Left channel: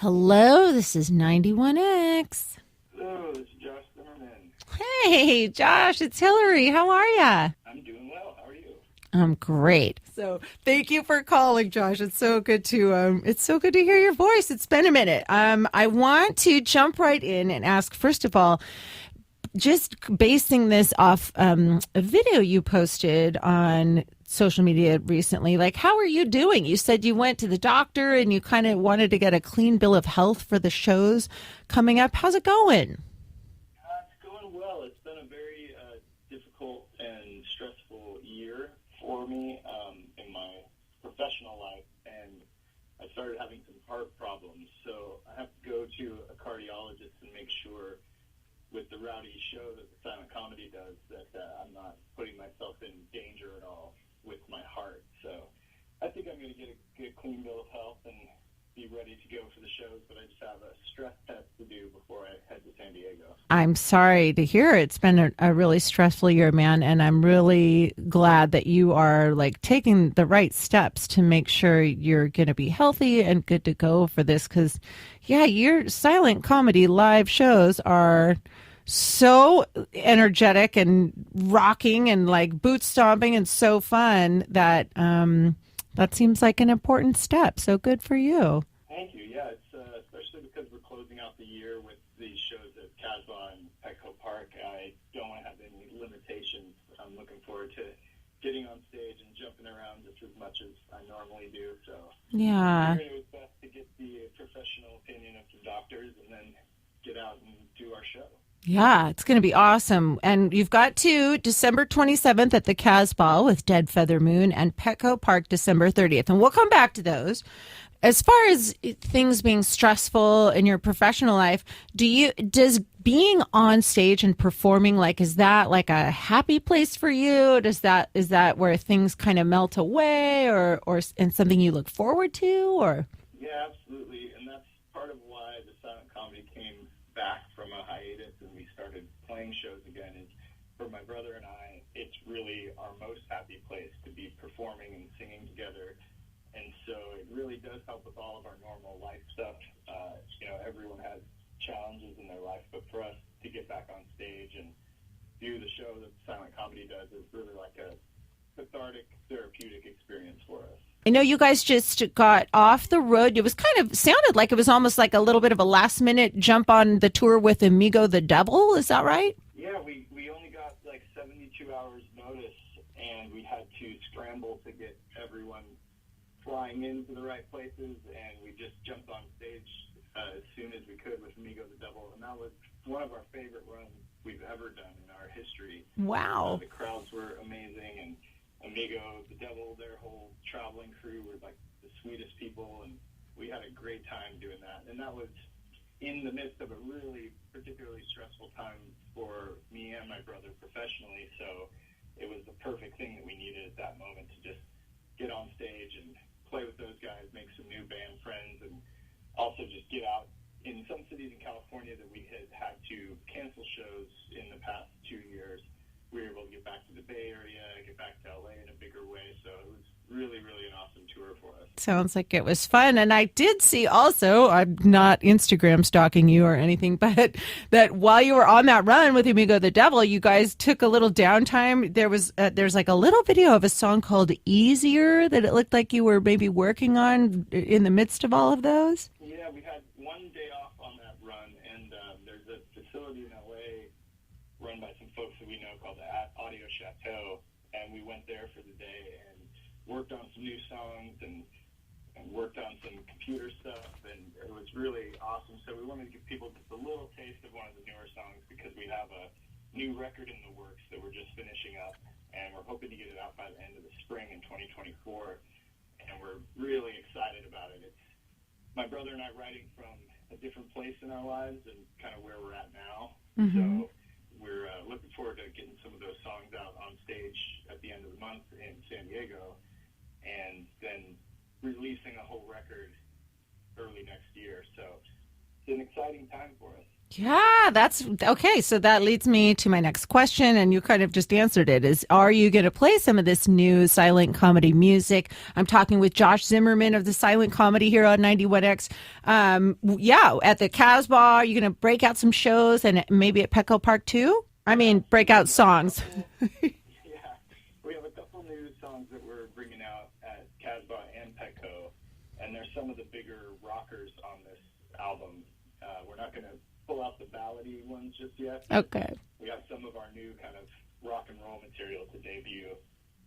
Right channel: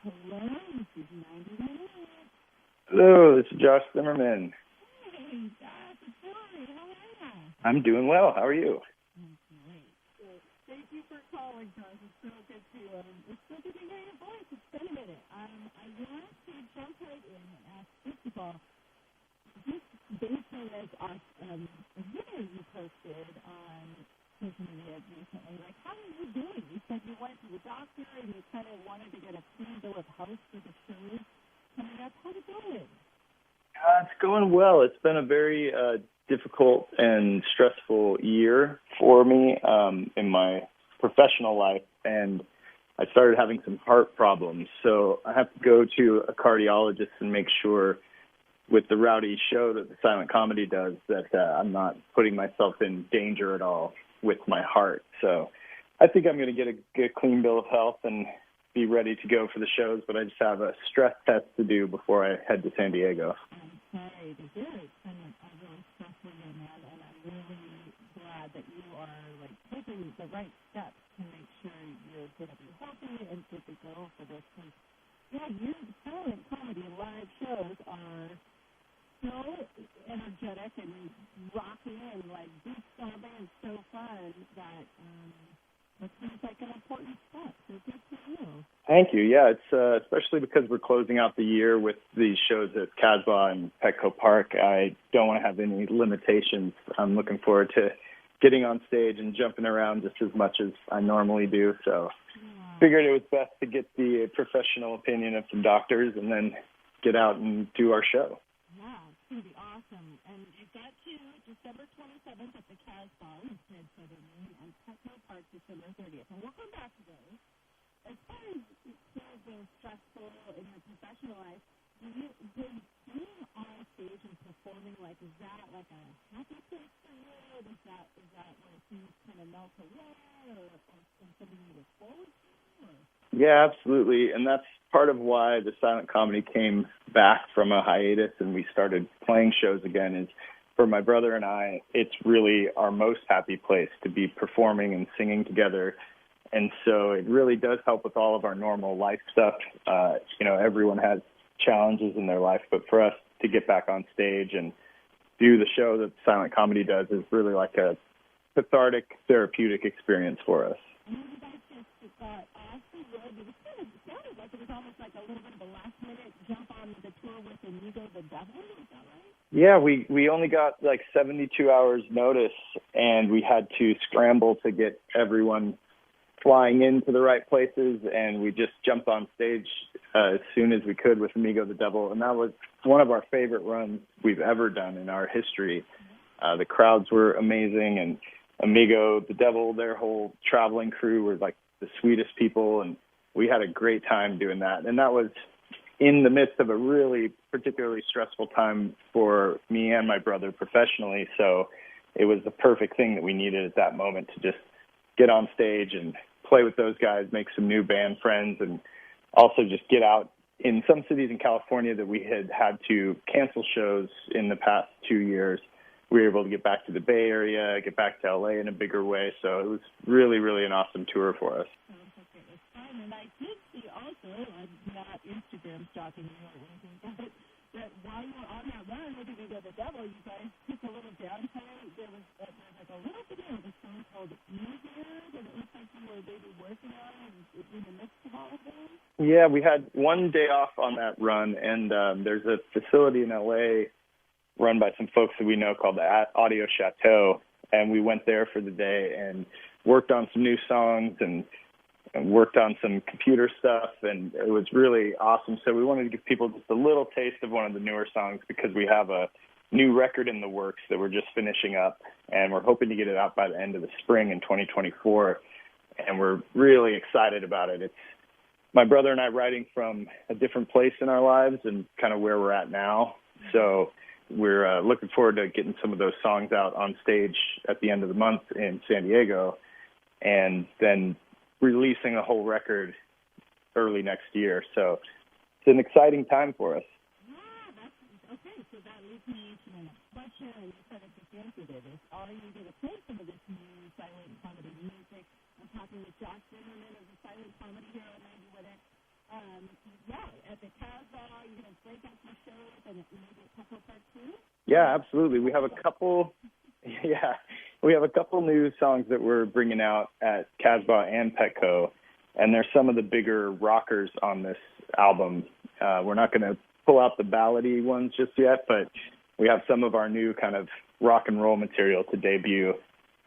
Hello, this is 91X. Hello, this is Josh Zimmerman. Hey, Josh, it's Hilary. How are ya? I'm doing well. How are you? I'm great. So, thank you for calling, Josh. It's so good to hear your voice. It's been a minute. I want to jump right in and ask, first of all, just basing this off a video you posted on social media recently, like, how are you doing? You said you went to the doctor and you kind of wanted to get a clean bill of health for the shows coming up. How's it going? It's going well. It's been a very difficult and stressful year for me in my professional life, and I started having some heart problems. So I have to go to a cardiologist and make sure with the rowdy show that the silent comedy does that I'm not putting myself in danger at all with my heart. So I think I'm going to get a clean bill of health and be ready to go for the shows, but I just have a stress test to do before I head to San Diego. I'm sorry to hear it's been a really stressful year, man, and I'm really glad that you are like taking the right steps to make sure you're going to be healthy and good to go for this because yeah, your silent comedy live shows are so energetic and rocking and like boot stomping and so fun that that seems like an important step. So good for you. Thank you. Yeah, it's especially because we're closing out the year with these shows at Casbah and Petco Park. I don't want to have any limitations. I'm looking forward to getting on stage and jumping around just as much as I normally do. So Yeah. figured it was best to get the professional opinion of some doctors and then get out and do our show. Yeah, it's going to be awesome. And you've got two, December 27th at the Casbah with Dead Feather Moon and Petco Park December 30th. And we'll come back to those. As far as things being stressful in your professional life, does being on stage and performing, like, is that like a happy place for you? Is that where things kind of melt away or and something you look forward to or? Yeah, absolutely. And that's part of why the silent comedy came back from a hiatus and we started playing shows again is for my brother and I, it's really our most happy place to be performing and singing together. And so it really does help with all of our normal life stuff. Everyone has challenges in their life, but for us to get back on stage and do the show that silent comedy does is really like a cathartic, therapeutic experience for us. I know you guys just got off the road. It was kind of sounded like it was almost like a little bit of a last minute jump on the tour with Amigo the Devil. Is that right? Yeah, we only got like 72 hours notice, and we had to scramble to get everyone flying into the right places, and we just jumped on stage as soon as we could with Amigo the Devil, and that was one of our favorite runs we've ever done in our history. Wow. The crowds were amazing, and Amigo the Devil, their whole traveling crew were like the sweetest people, and we had a great time doing that. And that was in the midst of a really particularly stressful time for me and my brother professionally, so it was the perfect thing that we needed at that moment to just get on stage and play with those guys, make some new band friends, and also just get out. In some cities in California that we had to cancel shows in the past 2 years, we were able to get back to the Bay Area, get back to LA in a bigger way. So it was really, really an awesome tour for us. Sounds like it was fun. And I did see also, I'm not Instagram stalking you or anything, but that while you were on that run with Amigo the Devil, you guys took a little downtime. There's like a little video of a song called Easier that it looked like you were maybe working on in the midst of all of those. Yeah, we had one day off on that run, and there's a facility in LA run by some folks that we know called the Audio Chateau, and we went there for the day and worked on some new songs and worked on some computer stuff, and it was really awesome. So we wanted to give people just a little taste of one of the newer songs because we have a new record in the works that we're just finishing up, and we're hoping to get it out by the end of the spring in 2024, and we're really excited about it. It's my brother and I writing from a different place in our lives and kind of where we're at now. Mm-hmm. So we're looking forward to getting some of those songs out on stage at the end of the month in San Diego and then releasing a whole record early next year. So it's an exciting time for us. Yeah, that's okay. So that leads me to my next question, and you kind of just answered it. Is are you going to play some of this new silent comedy music? I'm talking with Josh Zimmerman of the Silent Comedy here on 91X. Yeah, at the Casbah, are you going to break out some shows and maybe at Petco Park too? I Yeah, mean, break absolutely. out We have a songs. couple. Yeah, we have a couple new songs that we're bringing out at Casbah and Petco, and they're some of the bigger rockers on this album. We're not going to pull out the ballady ones just yet, but Okay. we have some of our new kind of rock and roll material to debut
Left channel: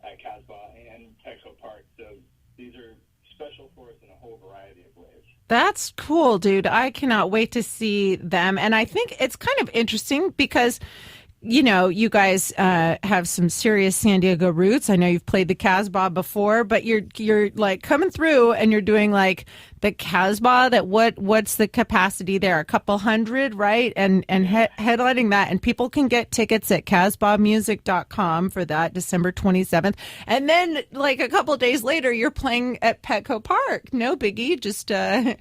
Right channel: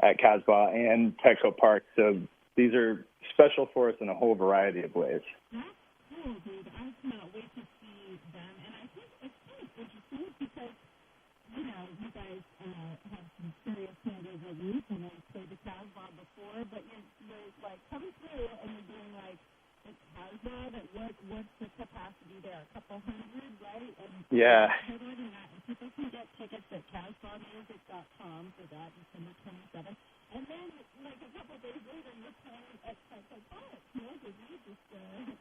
at Casbah and Petco Park. So these are special for us in a whole variety of ways. That's cool, dude. I cannot wait to see them. And I think it's kind of interesting because you guys have some serious San Diego roots. I know you've played the Casbah before, but you're like coming through and you're doing like the Casbah. That what's the capacity there? A couple hundred, right? And Yeah. headlining that, and people can get tickets at casbahmusic.com for that December 27th. And then like a couple days later, you're playing at Petco Park. No biggie, just a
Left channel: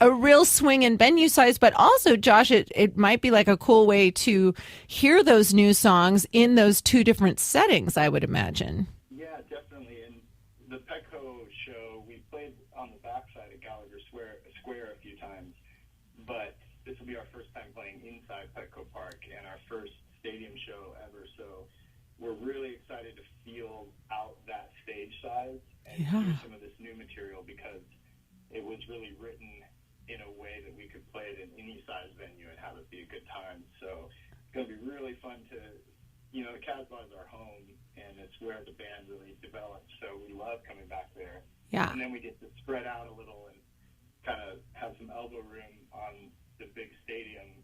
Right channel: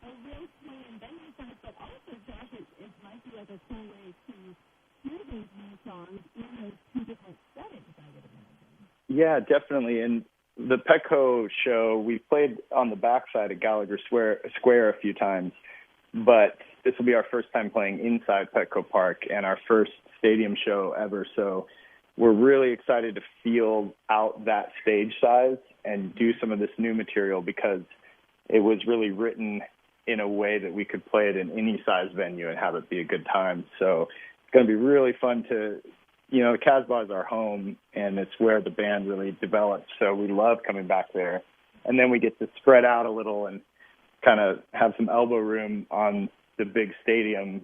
real swing and venue size. But also, Josh, it might be like a cool way to hear those new songs in those two different settings, I would imagine. Yeah, definitely. And the Petco show, we played on the backside of Gallagher Square a few times, but this will be our first time playing inside Petco Park and our first stadium show ever. So we're really excited to feel out that stage size and do some of this new material because it was really written in a way that we could play it in any size venue and have it be a good time. So it's going to be really fun to, Casbah is our home, and it's where the band really developed. So we love coming back there. Yeah. And then we get to spread out a little and kind of have some elbow room on the big stadium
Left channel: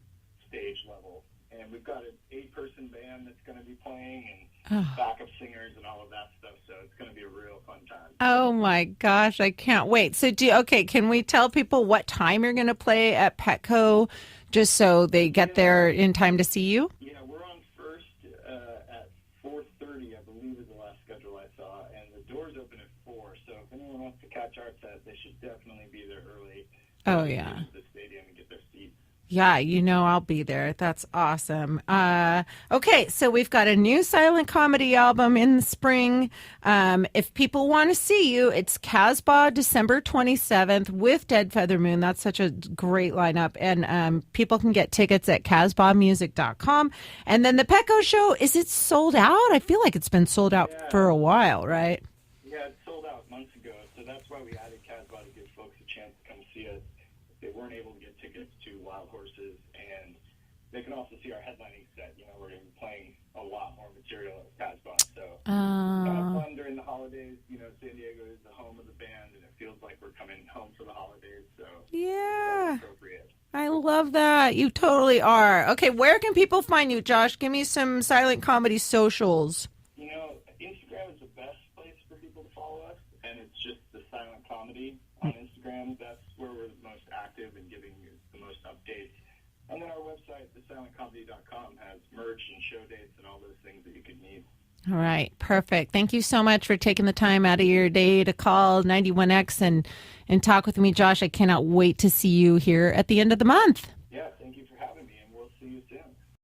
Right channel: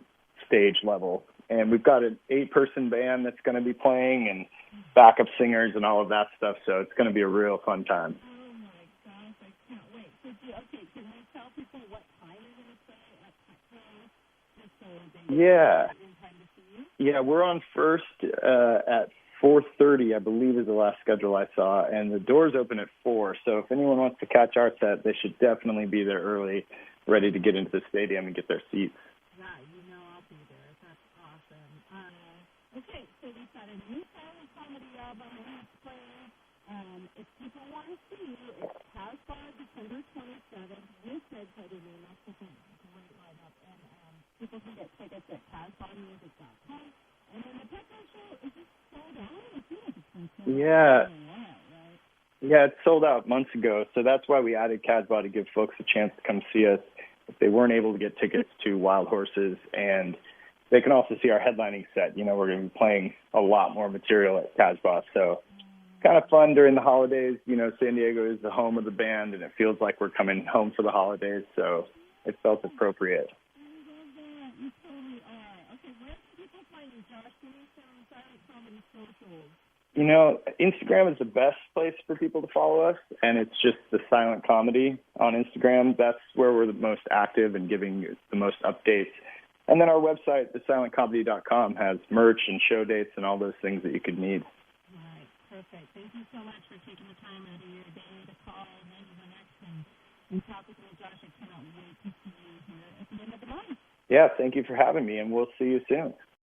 stage level. And we've got an 8-person band that's going to be playing and backup singers and all of that stuff. So it's going to be a real fun time. Oh my gosh, I can't wait. So can we tell people what time you're going to play at Petco just so they get there in time to see you? Yeah, we're on First at 4:30, I believe is the last schedule I saw, and the doors open at 4. So if anyone wants to catch our set, they should definitely be there early, ready to get into the stadium and get their seats. Yeah, I'll be there. That's awesome. Okay, so we've got a new silent comedy album in the spring. If people want to see you, it's Casbah, December 27th with Dead Feather Moon. That's such a great lineup. And people can get tickets at casbahmusic.com. And then the Petco show, is it sold out? I feel like it's been sold out for a while, right? Yeah, it sold out months ago. So that's why we added Casbah to give folks a chance to come see us if they weren't able to get tickets to Wild Horses, and they can also see our headlining set. We're going to be playing a lot more material at Casbah, so kind of fun during the holidays. San Diego is the home of the band, and it feels like we're coming home for the holidays, so it felt appropriate. I love that. You totally are. Okay, where can people find you, Josh? Give me some silent comedy socials. Instagram is the best place for people to follow us, and it's just the Silent Comedy on Instagram. That's where we're the most active and giving the most updates. And then our website, thesilentcomedy.com, has merch and show dates and all those things that you could need. All right, perfect. Thank you so much for taking the time out of your day to call 91X and talk with me, Josh. I cannot wait to see you here at the end of the month. Yeah, thank you for having me, and we'll see you soon.